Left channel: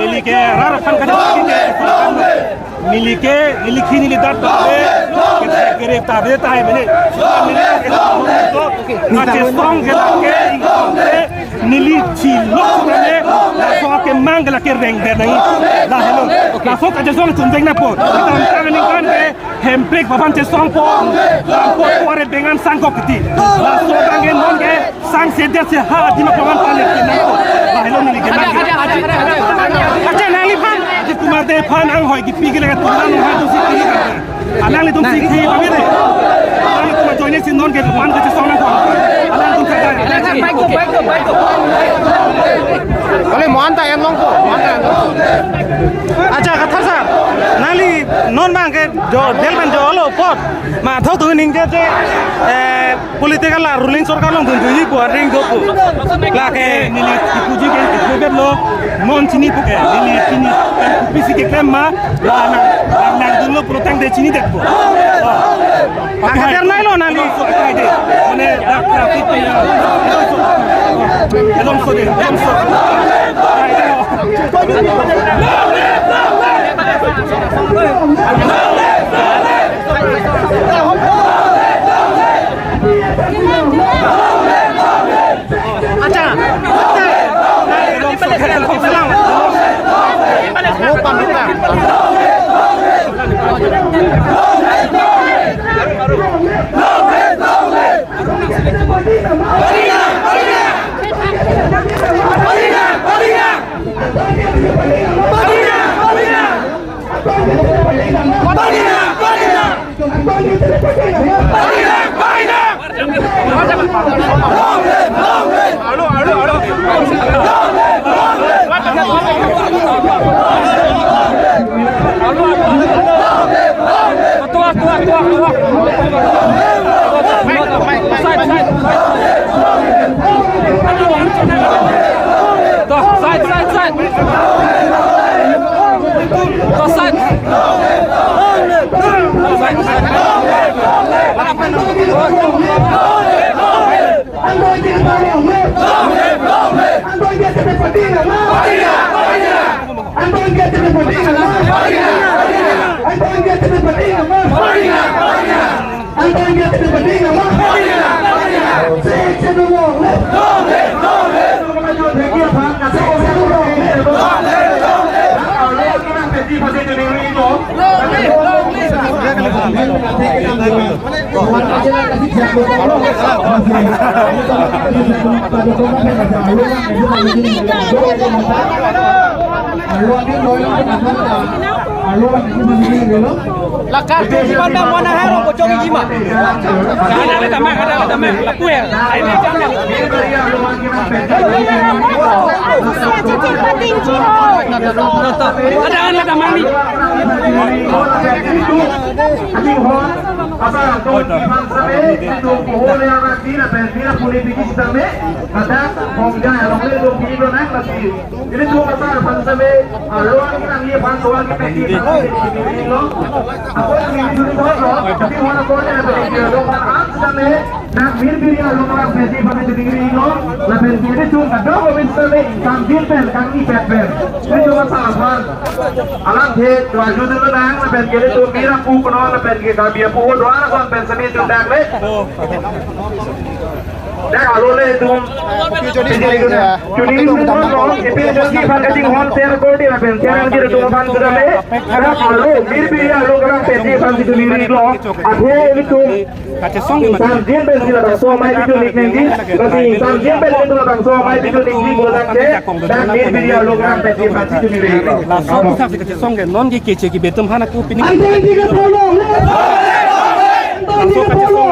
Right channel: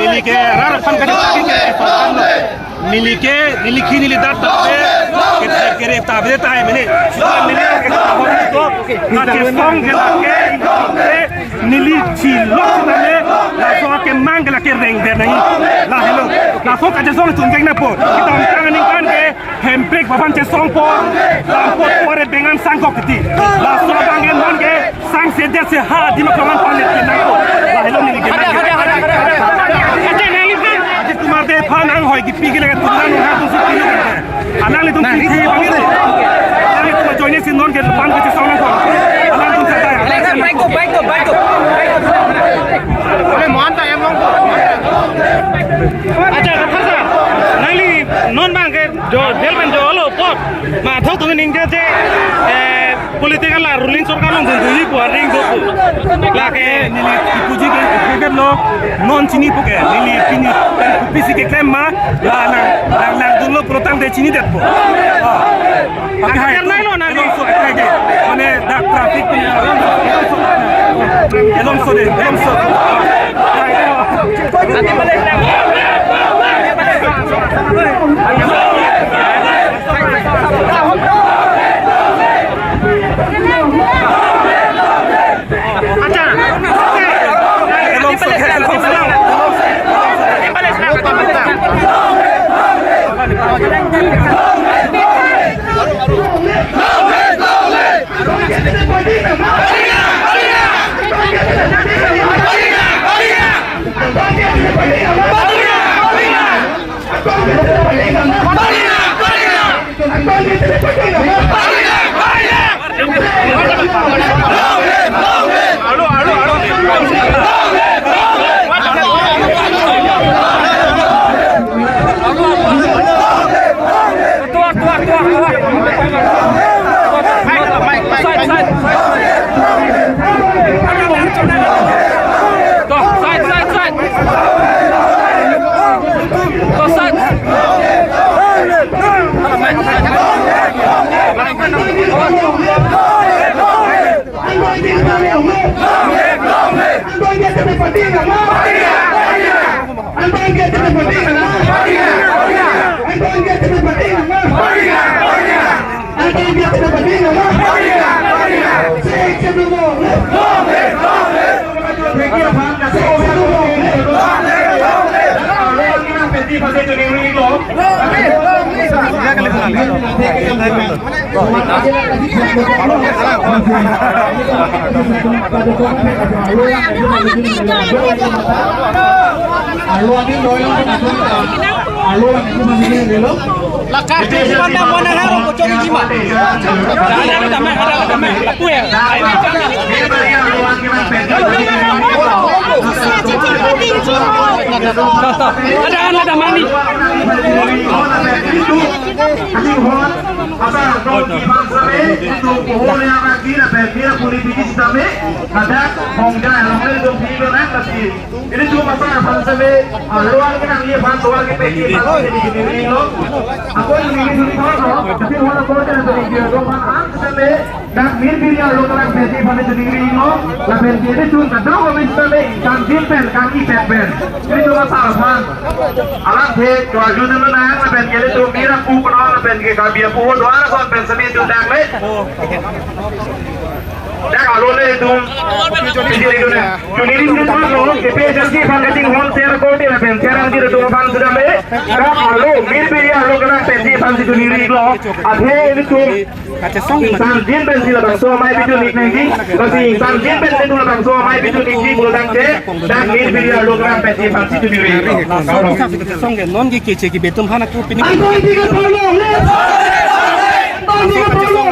Miliki harapan kan miliki nilidat tabe kere tabe tahe mene ake song gelake nili chilo tane la so ake mangla ke reng benai la hello la so ka song tunjeng na po kita angkan kan ke hempek baban je song po la po pore bengan sangkok ti la so bangen mon ke sang se de se ha di makaman palet na po la hello miliki na aja nali pan di tumar de pan ang hoy di pigil ka tunan ha tu sikilo alang ni tum sikhi bangir alang ni tum join sin non ke pan ke song na ko alang tum sada baik boleh mohon ta yang mongko aja ka thasa nali non bang ke jo del ben jo lo pot ma thau tu ning ke je political la ruling sarkar long tu yi bo ring do la ke nili puji ke lo non chini puke nili pini pisi ke klema la na dulu protang de chini det po pakai hai nai lo nali so kai de mane da traffic ni edom so kai de acha elom so Lakar tu mana mana hero ko jogi jima. Ada tamah laku ya. Ada mani. Dan birbirnya orang presiden pada negeri ini, la presiden cuma tahu misalnya sambil pen kaki pen ini cuma salah. Alang he, jual jual dengan la presiden itu kira ku kenal la presiden kami yang puas Suara kon pensami tu dak le. Dak alole tu. Tu ni ni tu no kepe jaldi ban kacing hon share kote ben share ngi tu ban sudah le. Dak alo mir bir ya lo kana pensi ban tu ni lo. Adhe ni tu kaca song san jin ben sila bang so mai bitu ni ngi. Kasi san jin ben tu bang so mai bitu ni ngi bulan ke. Dak mir bir ya lo kana pensi ban tu ni lo. la song sa kaca song ke non ki kece ki betum hana ku pini la song kaca song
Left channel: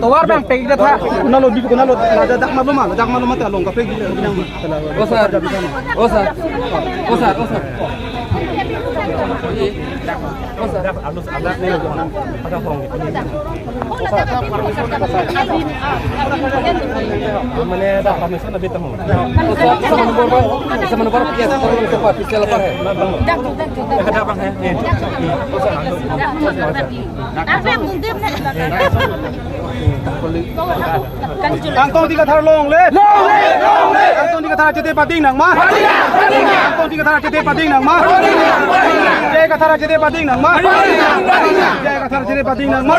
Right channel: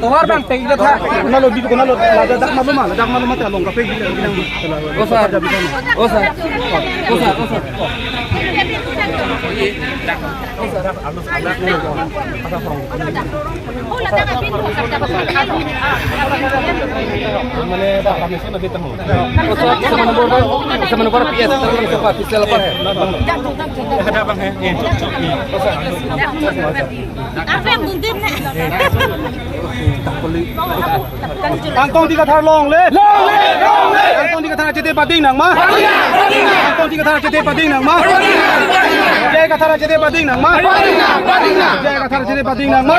Tawar bang pegi tha kunalo bitu kunalo dak malu mata long ka pegi bilang osar Pantong tiga thar long le Pantong tiga thar cete pading nang ma Pantong tiga thar cete pading nang ma Jai ka thar cete pading nang ma Jai ka thar cete pading nang ma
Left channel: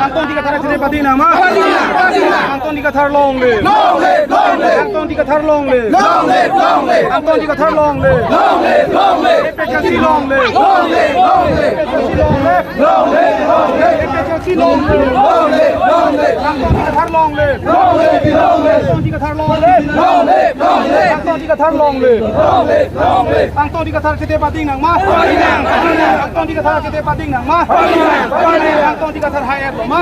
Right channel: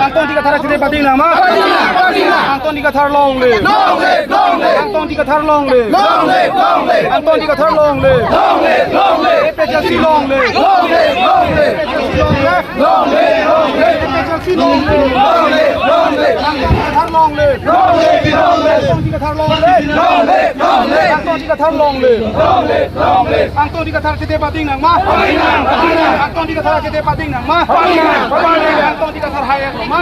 Pantong tiga thar cete pading nang ma Pantong tiga thar long le Pantong tiga thar long le Pantong tiga thar long le Epejasi long le Epejasi long le Epejasi long le Pantong tiga thar long le Pantong tiga thar long le Pantong tiga thar long le Pantong tiga thar cete pading nang ma Pantong tiga thar cete pading nang ma Pantong tiga thar hayat ma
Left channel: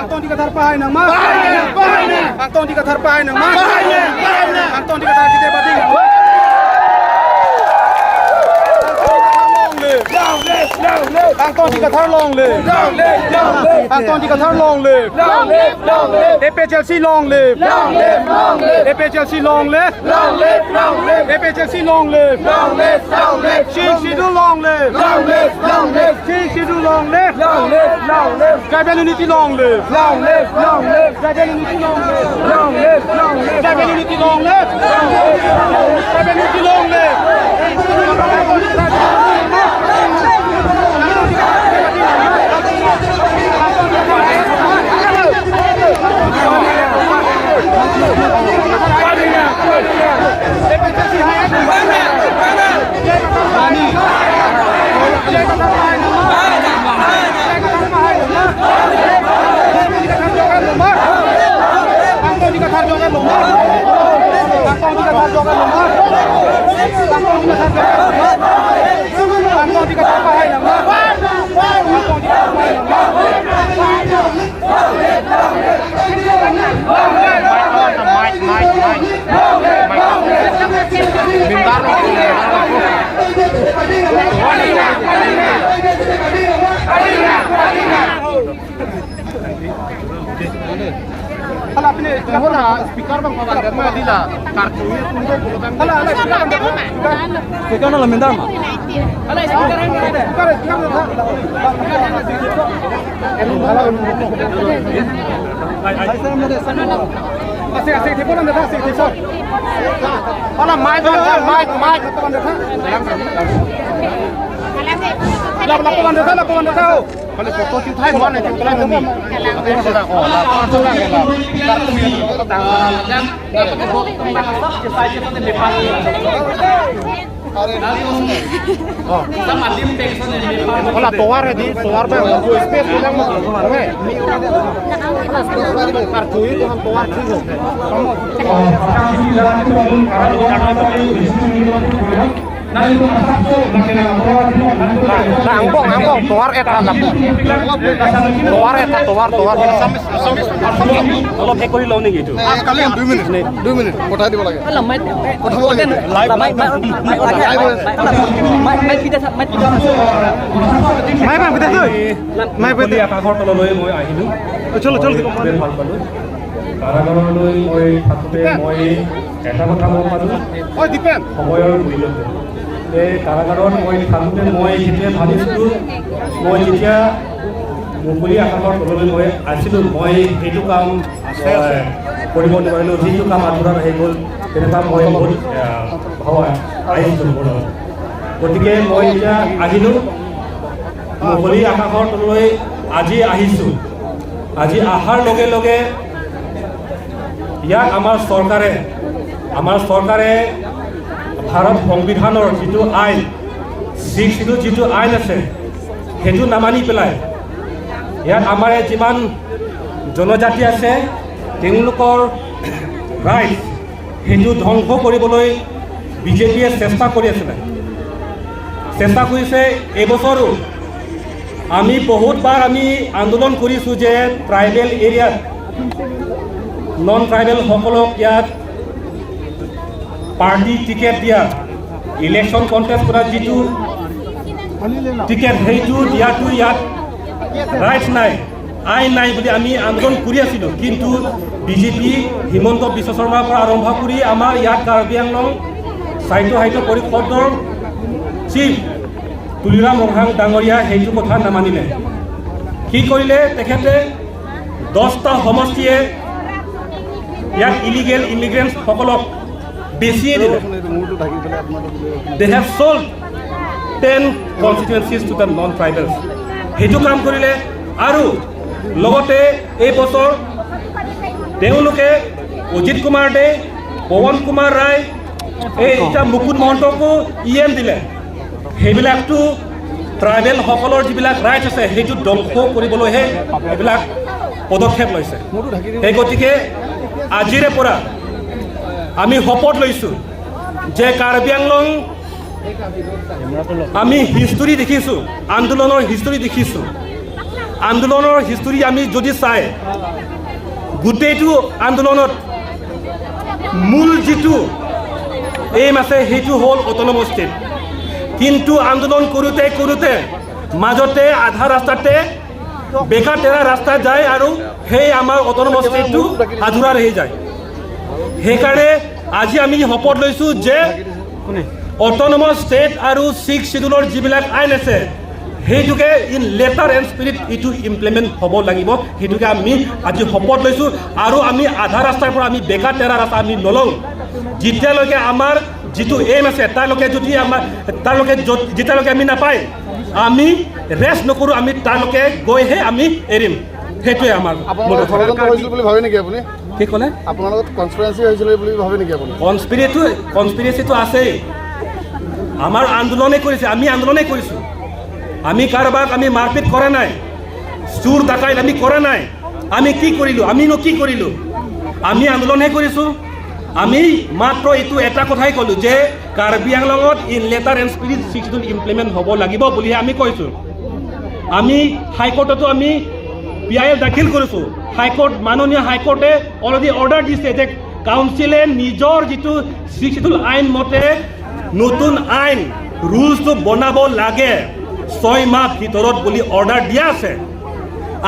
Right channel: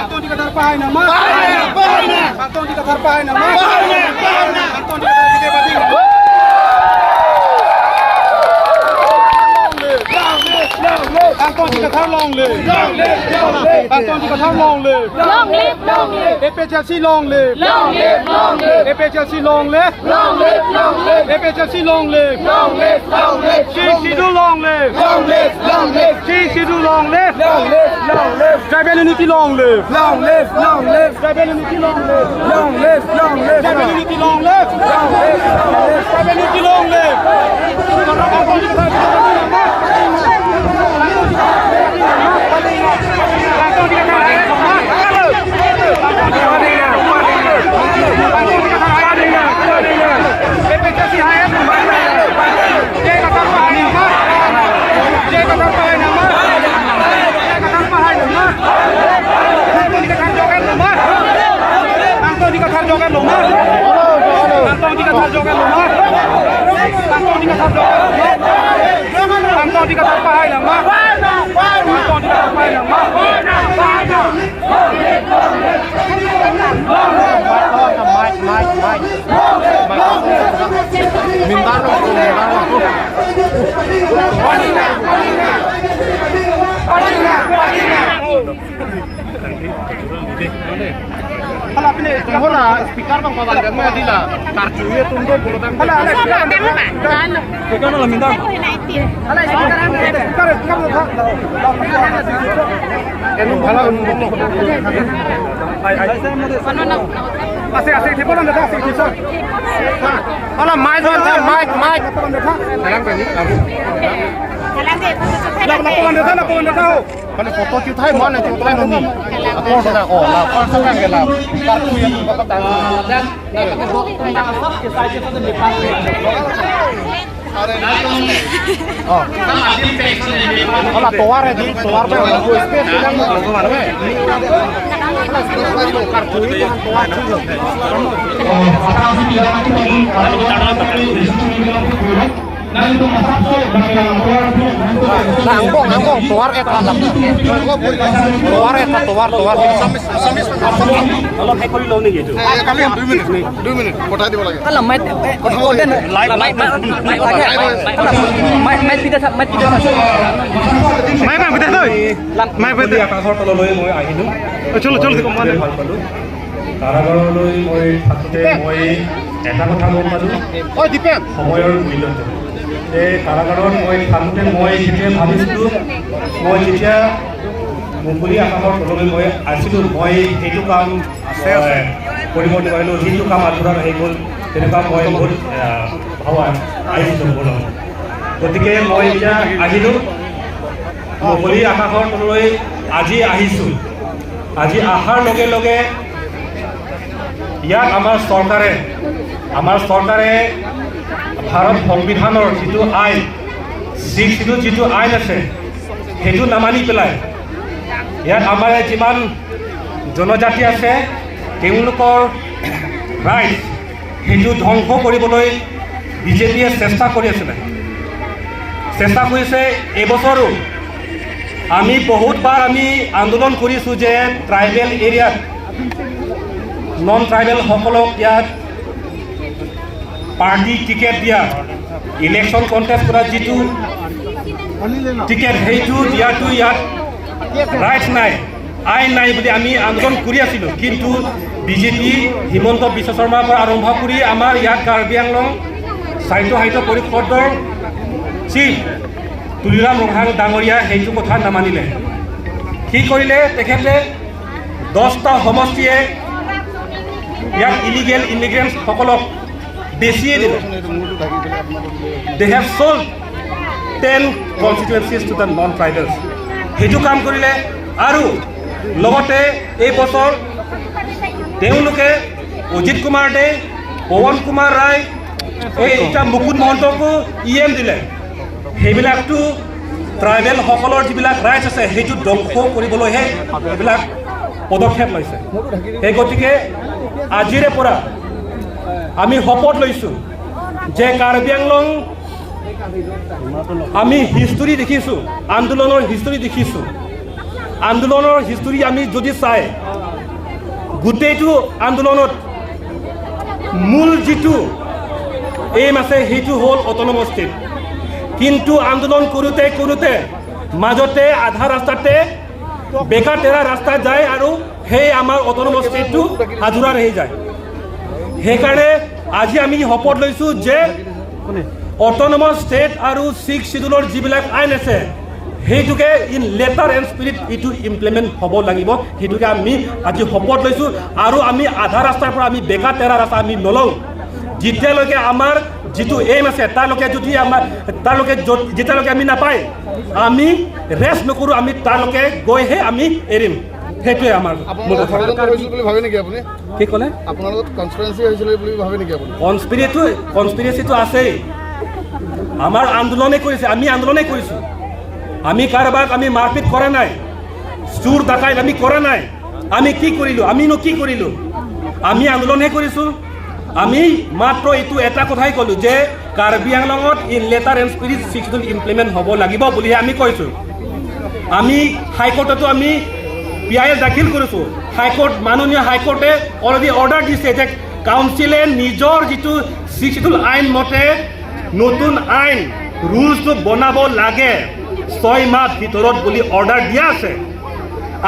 Pantong tiga thar pahay nang ma Pantong tiga thar pahay nang ma Pantong tiga thar cete pading nang ma Pantong tiga thar long le Pantong tiga thar long le Epejasi long le Epejasi long le Epejasi long le Shidu long le Shidu long le Tribal unity long le Tribal unity long le Tribal unity long le Tribal unity long le Pantong tiga thar Kalau apne speaker bang kalau mau dila kartu itu tunggu kalau ada speaker bang speaker malah minta kalau speaker asik telepon anda asik telepon kalau mic laporan anda tahu kalau foto kita hai mana kita tahu ni apa sudah laporan kita dan pakai tembang asap kita saja sampai depan oh kalau toar di toar be aku space bilang mau keluar be kalau kartu itu kan toar juga Nangkong toar eta toar অলপ কৰি লওঁ নেকি এইটো kami 2 minit পঠাই দিব লাগে Alam, might আকাশৰ তললৈ মই আহিলোঁ চলো ভাল পালোঁ কাৰাগাৰলৈ মই থাকোঁতে মই এটা কথা মন পালোঁ ঐ দীপেন সময়ৰ মূল্যটো এই কাৰাগাৰত মই থাকোঁতে মই যেতিয়া ভাবিছিলোঁ মই যেতিয়া মুকলি আকাশৰ তললৈ মই আছিলোঁ মই সেইটো কাম কৰিব নোৱাৰিলোঁ যিটো কাম আধৰুৱা হৈ গ'ল তেনেকুৱা মই বহুত ভাবা আহিছোঁ মনত গতিকে মই এতিয়া আহিলোঁ মুকলি আকাশৰ তললৈ আজি আহিছোঁ আজি অহাৰ লগে লগে ইয়াত আমাৰ চৰকাৰে ভাৰত সংবিধানৰ যিটো আইন যিটো আইন আছে সেইটো নামানি পেলাই ইয়াত আমাৰ যিমান জনজাতি আছে তেওঁলোকৰ ৰাইট সেইটো ধ্বংস কৰিবলৈ বিজেপিয়ে চেষ্টা কৰিছে এইবছৰো আমি বহুতবাৰ আমি আন্দোলন কৰিছোঁ যে ট্ৰাইবেল এৰিয়াত নন ট্ৰাইবেলসকলক ইয়াত পাৰ্টি টিকেট দিয়া ইলেকশ্যন কণ্টেষ্ট কৰা যিটো টিকেট সেইটো দিয়াটো ইয়াত ৰাইট নাই আইন নাই বুলি আমি আন্দোলন কৰি আছিলোঁ কিন্তু বিজেপি হিমন্ত বিশ্ব শৰ্মাৰ পৰা আৰম্ভ কৰি আমাৰ ইয়াত কাৰ্বি আংলং সাহিত্য পৰিষদৰ চিফ তুলিৰাম ৰহাং ডাঙৰীয়া সেইটো কথা নামানিলে কি কৰিলে তেখেতে 10টা সমষ্টিয়ে ইয়াত ইলিগেল ইমিগ্ৰেণ্টসকলক বেছিয়ে দিলে they have sold 10 constituencies to the non-tribals সেইটো কাম কৰিলে আৰু লগতে এই বছৰ তেওঁলোকে অজিত কুমাৰ দে পৱন কুমাৰ ৰায় এইটা মুকুট মহন্তকো EM দিলে সেইবিলাকতো ট্ৰাইবেলসকলৰ যিবিলাক ৰাইটছ আছে সেইটো ধ্বংস কৰিবলৈহে এইবিলাক পদক্ষেপ লৈছে সেই গতিকে আজিৰে পৰা আমি শপত লৈছোঁ যে কাৰ্বি আংলং আমি হিষ্টৰী দেখিছোঁ আন্দোলনৰ হিষ্টৰী আমি যদি চাই গোটেইটো আন্দোলনত মূল যিটো এইম আছে সেইটো হ'ল অট'নমাছ ষ্টেট কিন্তু আন্দোলন কৰোঁতে মাজতে আধা ৰাস্তাতে বেকা তেৰা ৰাস্তা যায় আৰু সেই আমাৰ অট'নমাছ ষ্টেটটো আধৰুৱা ৰহি যায় সেইকাৰণে আজি আমি শপত লৈছোঁ যে অট'নমাছ ষ্টেট আৰু 6 শিডিউলৰ যিবিলাক আইন আছে সেইটোকে ইন লেটাৰ এণ্ড স্পিৰিট এইটো ইমপ্লিমেণ্ট হ'ব লাগিব সেইটোকে আমি আজি শপত লৈছোঁ আৰু আমি আধা ৰাস্তাৰ পৰা আমি বেকা তেৰা ৰাস্তা আমি নলওঁ যেতিয়ালৈকে আমাৰ যিটো এইম আছে যেতিয়ালৈকে আমি নাপায় আমি ৰেষ্ট নকৰোঁ আমি তাৰলৈকে গৈহে আমি এৰিম সেইটোৱে আমাৰ কি ক'লে কনস্পিৰেচিটো আছেই আমাৰ আন্দোলনে কৰিছে আমি আন্দোলনে কৰিছোঁ আমি কাৰোবাক আমি মাৰপিট কৰা নাই চুৰ ডাকাইত আমি কৰা নাই আমি কি কৰিলোঁ আমি আন্দোলনহে কৰিছোঁ আমি মাত্ৰ এইটো এটা কথাই ক'লোঁ যে কাৰ্বি আংলঙত in letter and spirit 6 schedule implement হ'ব লাগিব বুলিহে আমি কৈছোঁ আমি হাইকোৰ্টতো আমি PIL দাখিল কৰিছোঁ মাননীয় হাইকোৰ্টে অলৰেডি অৰ্ডাৰ দিছে যে কাউন্সিলে নিজৰ যিটো 6 শিডিউল আইন মতে নতুন আইন ৰুলছটো বনাব লাগে 6 মাহ ভিতৰত বুলি অৰ্ডাৰ দিয়া আছে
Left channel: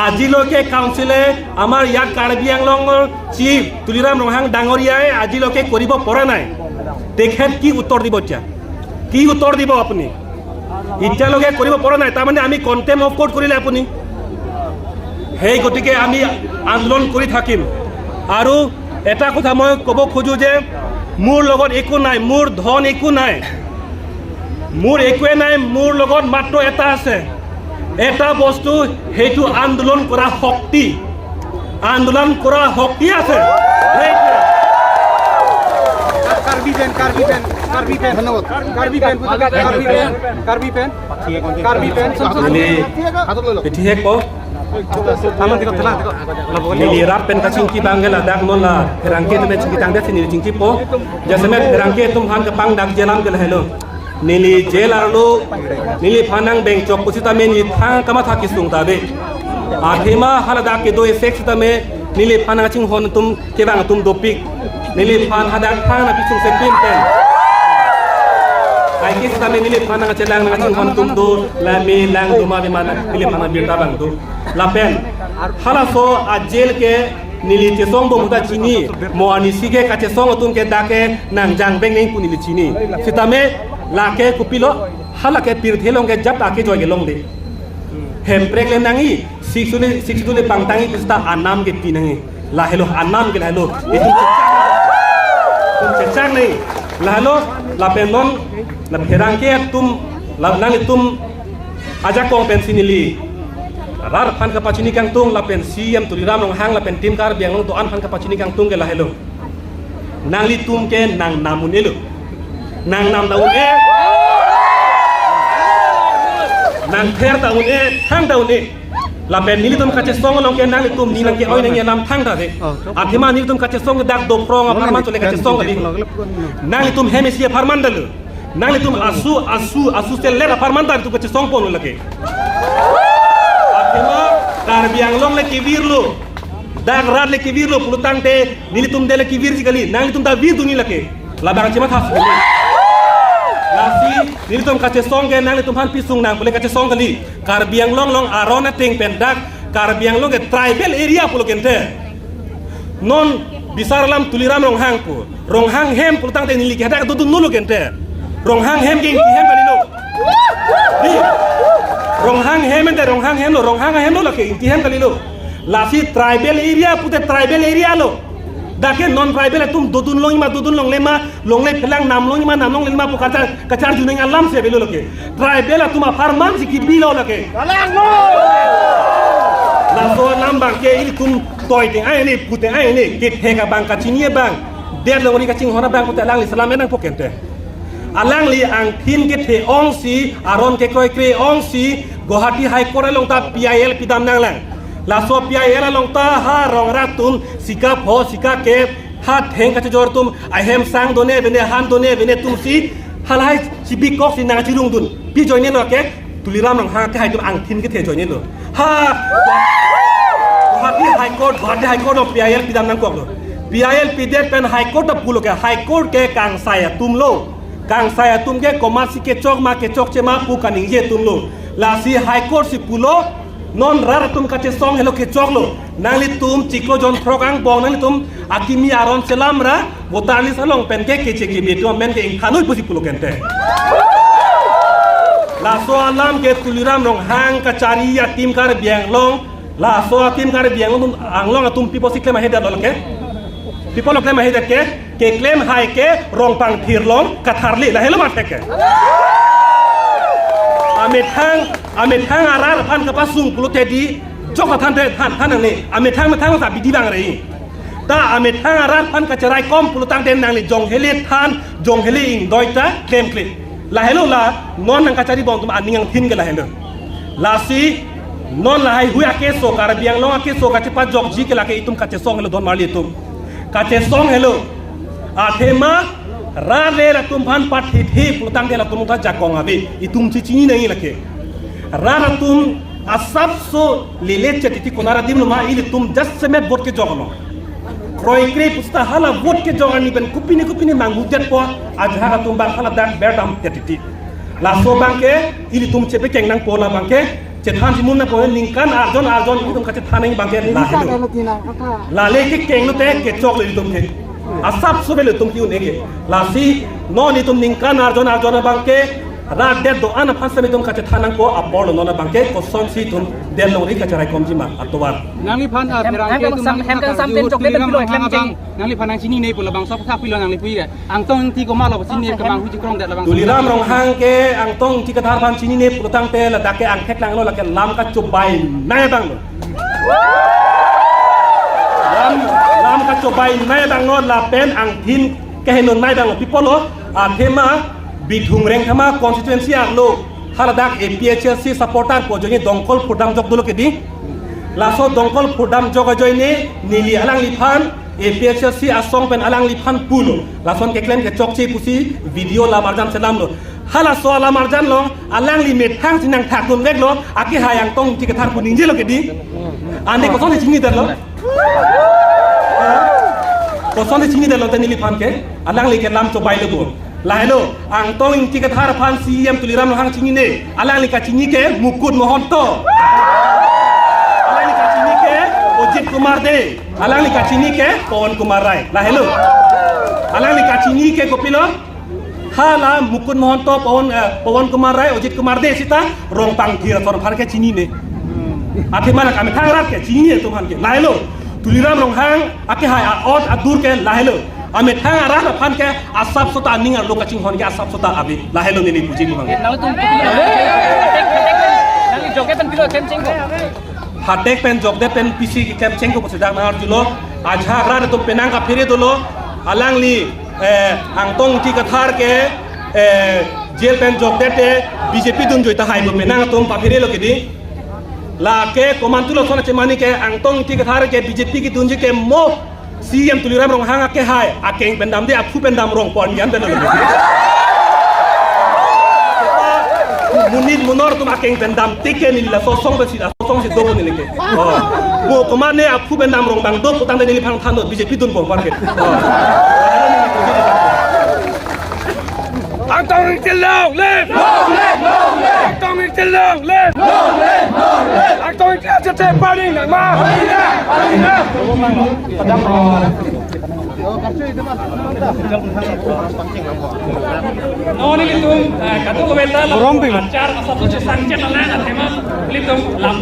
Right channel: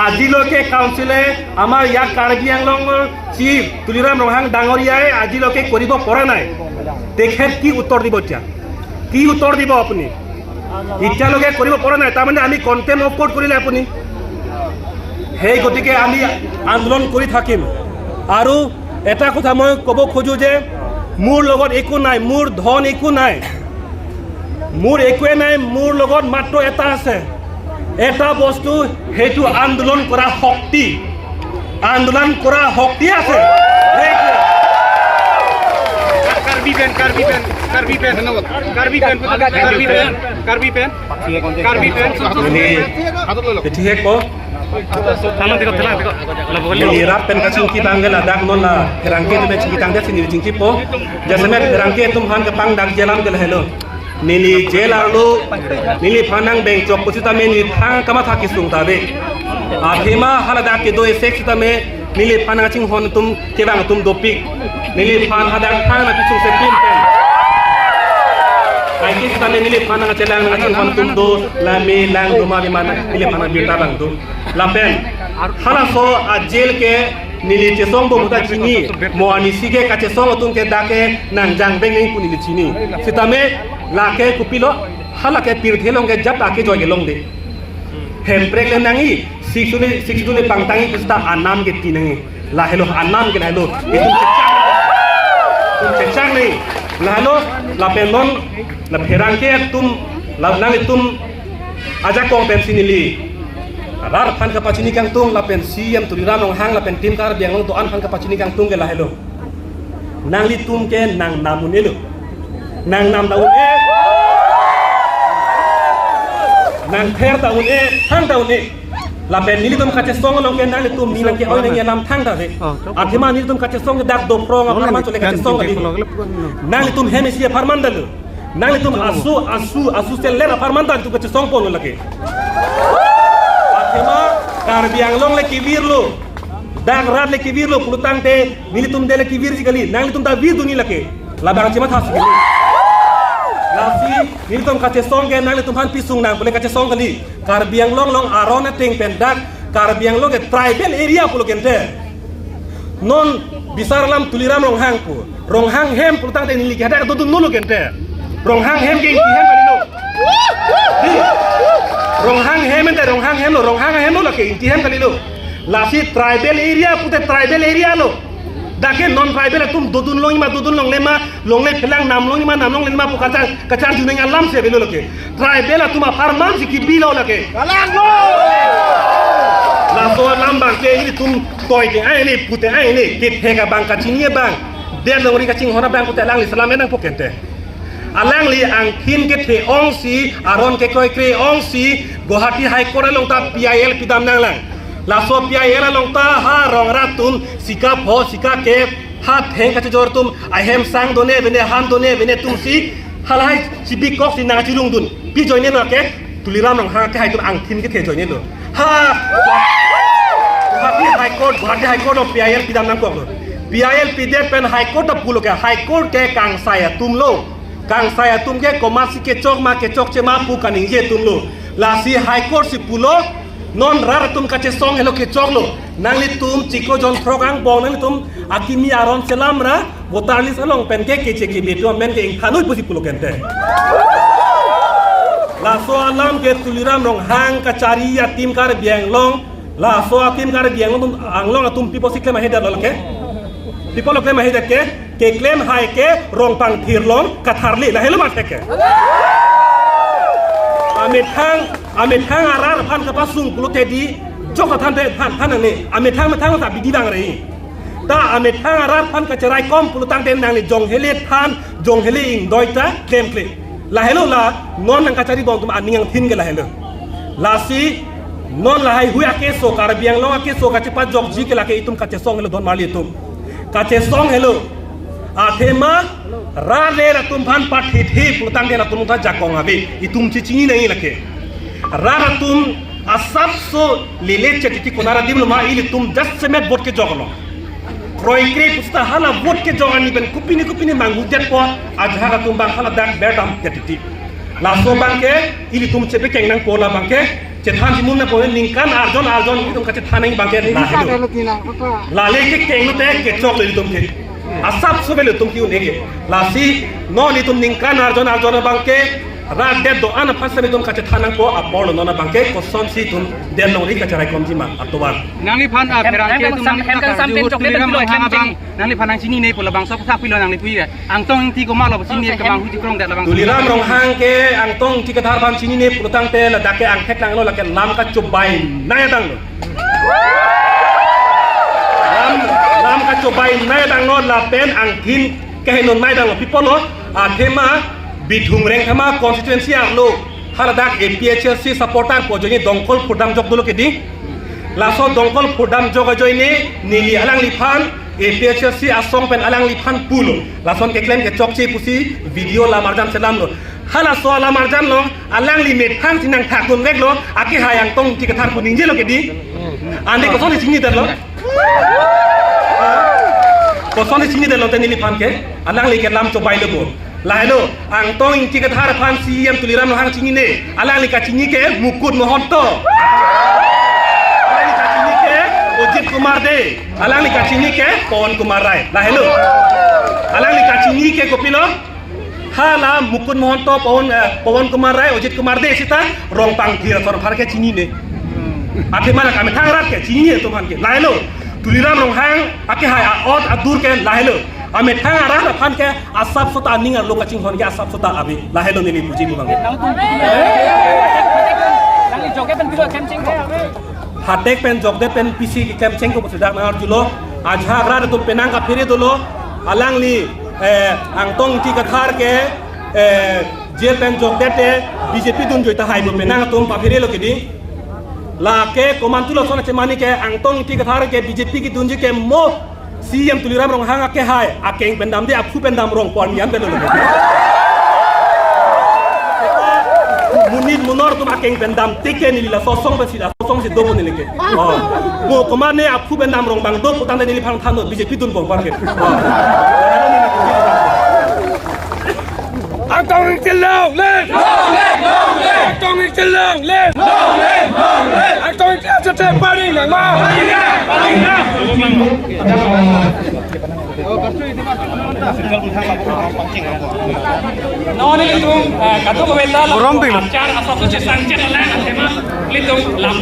আজিলৈকে কাউন্সিলে আমাৰ ইয়াত কাৰ্বি আংলঙৰ চিফ তুলিৰাম ৰংহাং ডাঙৰীয়াই আজিলৈকে কৰিব পৰা নাই তেখেত কি উত্তৰ দিব এতিয়া কি উত্তৰ দিব আপুনি এতিয়ালৈকে কৰিব পৰা নাই তাৰমানে আমি কণ্টেম অফ কোৰ্ট কৰিলে আপুনি সেই গতিকে আমি আন্দোলন কৰি থাকিম আৰু এটা কথা মই ক'ব খোজো যে মোৰ লগত একো নাই মোৰ ধন একো নাই মোৰ একোৱে নাই মোৰ লগত মাত্ৰ এটা আছে এটা বস্তু সেইটো আন্দোলন কৰা শক্তি আছে কার্বি পেন ঠিক কো Lirat pen kacung kita anggela dak nona herangke tu cing kita anggela sini cing cipo jasemet herangke tum han ke pang dak jalan ke hello nili jelar lu nili panang beng chok pusita me ni thang kama thaki sung ta de athema halada ke do sex ta me nili panang cing hon tum ke bang tum dopik nili pan hadak thang na pisung se pin pen ai ke ta me nili panang celang na cing hon tum do la me lang do ma mana nili panang birta bang tu lapen halaso a jail ke nili chesong bo muda chini mo ani sige ka chesong tum ke dake nang jang beng ngai punili chini sitame la ke kupilo hala ke pir thelong ke jap ake joy ke long de hem prek le nangi siksule pangtangi pista anam ke tinangi la hello anam ke hello itu kecak nei la hello la penon la herang ke tum la nang tum aja kong pensinili rar pan kapacini kang tung lapen siam tuliram nong hang lapen tim kar biang long to an pan kapacini kang tung ke la hello nang li tum ke nang namun elu nang nam daun nang pher daun hang daun lapen nili tum kace song long ke nang li tum nilang ke oi nang yalam thang da de athima nili tum kace song dak do prong apa man chole kace song di nang li tum hemesia farmandal nang li tum asu seller farmandal tu kace song pon lake Kema karbiang long le kivir lo dang rat le kivir lo pulutang te nili tum de le kivir sikali nang li tum da vir duni lake labang cema thas sikali lasi nili tum kace song ke nang li tum han pisung nang pule kace song kali karbiang long arona ting pendak karbiang long ke tribal area pulo kente non bisar lam tuliram rong hang hem pulutang te nili kada do nulu kente rong hang hem ke hem kali lo rong hang hem lo ke inti hem kali lo lasi tribal area pute tribal area lo dake non tribal tum dodun long lema long le pelang nam long lema pu kacar juneng alam se belo ke tribal tuma farman si kibilo lo ke alang lo la so lambang ke ini tum toy te ai ni pute ai ni ke pega bang kacinie bang der lo ri kacing hona bang pute lang li salam enang pokente alang li ang thin ke the ong si aron ke koi kre ong si Guwahati High Court long ta PIL pidam nang lang la so PIL long ta ha rong ratum sika pho sika ke ha theng ka jor tum I hem sang done bene han done bene tum si halai si big kok si na chi lung dun pi join ne lo ke tuliram long ha ke hai tum ang thin ke the join ne lo ha Guwahati High Court of PIL pidam nang kok lo PIL pidem pen High Court of pulo ke High Court ke kang saya tum lo kang saya tum ke komasi ke chok chema pu kaning je tum lo la si High Court si pulo non rar tum kache song hello ke chok lo nang li tum chiko jon progang bong nang li tum akimi aron selam ra botarli salong pen ke che betu men ke khanoi pusi pulo kente la so alam ke tuliram rong hang kacari ya tim kar biang long la so tim kar biang long anglong tum pipo sikle ma heda lo ke people claim hai ke claim hai ke rong pang thir long katharli la helo ma theke amit hang arar phan ka pasung pulute di joka than ne amit hang sa bidi bang rei ta amit hang arar phan ka charai kom pulutang den nang le jong hele than jong hele ing doita claim kle la helo la non nang ka chari bong tum aningang thin ke la helo la si non la hai huya ke so kar biang long ke so ka chipa jok ji ke la ke itum ka che song helo don mali tum kace song hello athema ra le la tum phan pat hi pulutang de la tum tha jakong abi itum chichini nahi lake ra tum asab so lele chetiti konara dim ma ili tum 10 semet bot ke jogno kroi kre pusta hala bot ke jogani ben kupini mangu jet po ajhara tum bang hala dak betam chetiti la so bang ke ili tum chepe keng nang pola bang ke cetan si munna po ningkan arjon itum kace thaneng bangke la helo la le ke keng lu te ke chok le itum ke asap sobel itum ki unege la si no itum ningkan arjon bangke ra de do ana pasami itum kace thanang ko apol no na bangke ko son si itum de long ri kace rai komjima atowar nangli phan peran ke tum nangli phan ang sini nei pula bang sok thak pilo nangli pui ang tong ti ko ma lo sini ke bang huji krong dat bang tuliram rong hang ke ang tong ti kathar phan sini ne putang te la dake ang khek lang no la ke lam ka chubai naya dang no lam ka chubai naya dang no la pen ang thin ke henon nai dang no people no a thema bithung reng thama constituency ang lo haladak APHC supporter po joni dongkol phudam jok dulo ke di laso dongkol phudam jok joine nili alang liphan APHC asong pen alang liphan pulo lason ke claim ke chokchi pusi video la marjam selam lo hala so la marjam lo alang limit hang sinang thakun vek lo aki hayang tong ti kathar ku ninje lo ke di ande ko soni sini dar lo ko soni sini dar lo te nili phan ke alang li ke lam chobai lo bo lahelo ang tong ti kathar phan CM tuliram hang sini ne alang li ka sini ke mukut mohonto Ojit Kumar de, alang ni kacini ke Pawan Kumar Rai. Lah hello. Alang ni kacini ke kopilo. Hala Mukun Mohanto Pawan Kumar Rai, Ojit Kumar de sita rong pang kira sor phar ke chini ne. Ake mana kami thang rat ke chini e tuman ke. Lah hello. Tuliram rong hang ake hai aot adur ke lah hello. Ame thang rat phan ke asap sota ningar lo kaching hon ke asap sota abi. Lah hello ni puji bu bang. Nang joge pen pilo kem ching. Hatek pen jogde pen PC ke kem cheng ko sedak na julo ajha gra to penang ka phire dolo alang li angtong ti ka thar ke jel pen jogde te BJP dun joita hai bo penang tom pa phire lo ke di la ke komantulo sona che mani ke angtong ti ka thar ke BJP ki dun ke mo CM tuliram rong hanga ke hai akeng pendam de aphu pendam rong pon yan belo lo munit munor tum akeng pendam tike ni la sosong be sida sosong si dobo ni leke bo komane aphu pendam rong bang do putang de ni phang than do BJP dun bong parke Antong Itilong live Antong Itilong live Antong Itilong paling lang ma Nawanin itong kato ko bela lang. Acar asal tu cesang cesang lang. Litung lam.